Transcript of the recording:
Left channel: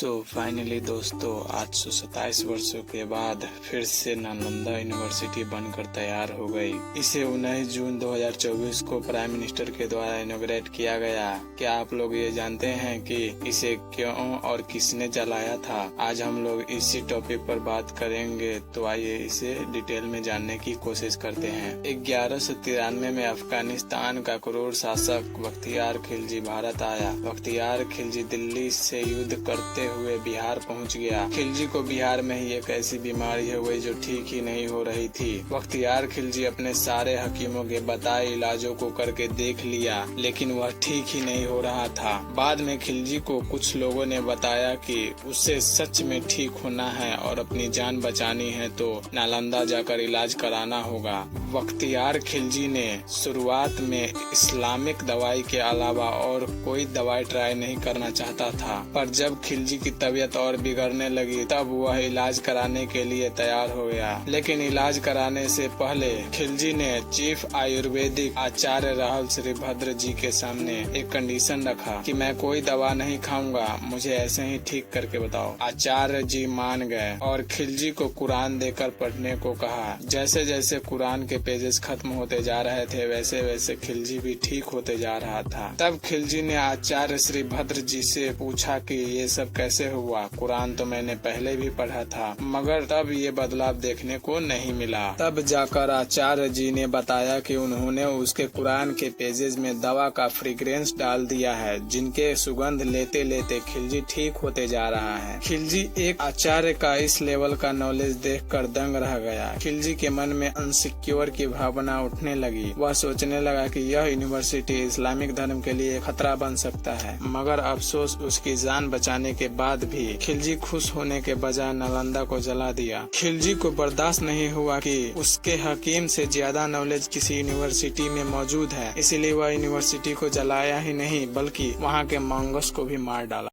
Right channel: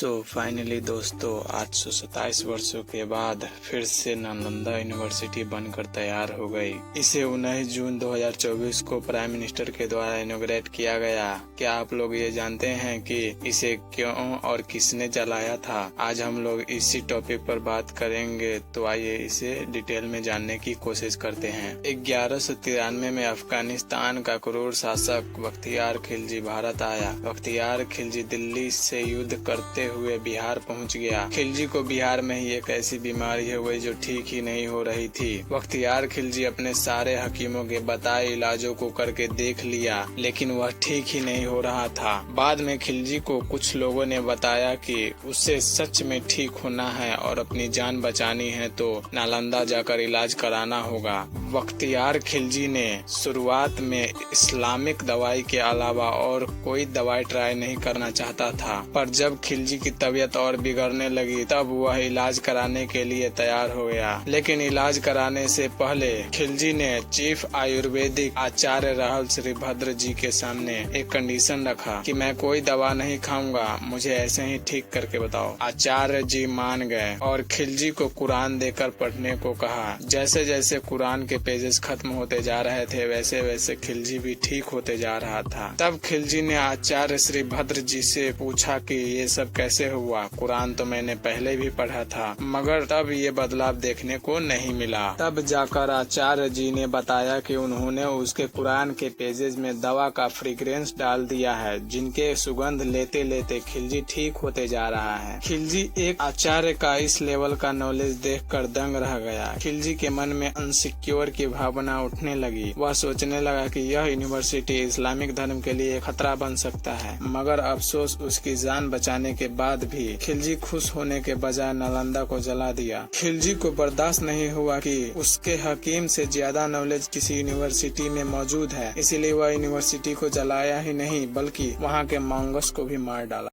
Finally दोस्तों, 827 वर्षों के बाद फिर से नालंदा यूनिवर्सिटी बनकर तैयार हो गई। इसे 19 जून 2024 को प्राइम मिनिस्टर के द्वारा इनॉग्रेट किया गया। क्या आप लोग ये जानते हैं कि इसे क्यों और किसने जलाया था? आज हम लोग इसी टॉपिक पर बात करेंगे, तो आइए इसे डिटेल में जानने की कोशिश करते हैं। 1193 में अफगानिस्तान का क्रूर शासक बख्तियार खिलजी भारत आया। बख्तियार खिलजी दिल्ली से युद्ध करते हुए बिहार पहुंच गया। खिलजी को बिहार में ही एक ऐसी बीमारी हो गई जो ठीक ही नहीं हो रही थी। बख्तियार खिलजी अपने सारे हकीमों के बताए इलाजों को करके देख लिया, लेकिन वह ठीक ही नहीं हो रहा था। बाद में खिलजी को कुछ लोगों ने बताया कि उसे सच में ठीक होना है और अपनी जान बचानी है तो नालंदा जाकर इलाज कराना होगा। बख्तियार खिलजी ने शुरुआत में इस्लामिक दवाई के अलावा और कोई दवाई ट्राई नहीं करना चाहता था, पर जब खिलजी की तबीयत और बिगड़ने लगी तब वह इलाज कराने के लिए तैयार हो गया। लेकिन इलाज कराने से पहले खिलजी ने चीफ आयुर्वेदिक आचार्य राहुल श्रीभद्र जी के सामने एक कंडीशन रखा कि मैं कोई दवा नहीं खाऊंगा, मुझे ऐसे ही ठीक करके बताओ। आचार्य जी मान गए और खिलजी को कुरान देकर पढ़ने को कहा। जैसे जैसे कुरान के पेजेस खत्म होते जा रहे थे, वैसे वैसे खिलजी भी ठीक होते जा रहा था। तब खिलजी ने आचार्य श्रीभद्र जी से पूछा कि ये सब कैसे हुआ? कुरान तो मैंने पहले भी पढ़ा था, मगर तब ये बदलाव देखने को नहीं मिला। तब जाकर आचार्य जी ने बताया कि उन्होंने उसके कुरान के पेजेस में दवा का फ्रेग्रेंस डाल दिया है, जिनके सुगंध लेते लेते खिलजी ठीक होते जा रहा है। खिलजी एक आचार्य का इस लेवल का नॉलेज देखकर दंग रह गया। खिलजी के मन में अनसिक्योर की भावना उठने लगी। वह सोचने लगा कि यह यूनिवर्सिटी इस्लामिक धर्म के लिए खतरा बन सकता है, मगर अफसोस उसकी जान बचाने के बाद भी खिलजी खुश होने के बजाय नालंदा को जला दिया। खिलजी को बर्दाश्त नहीं हुआ कि उसके हकीम से ज्यादा नॉलेज किसी यूनिवर्सिटी में मौजूद है, इसीलिए वह यूनिवर्सिटी को जलाया ही नहीं बल्कि वहाँ के मंगस को भी मार डाला।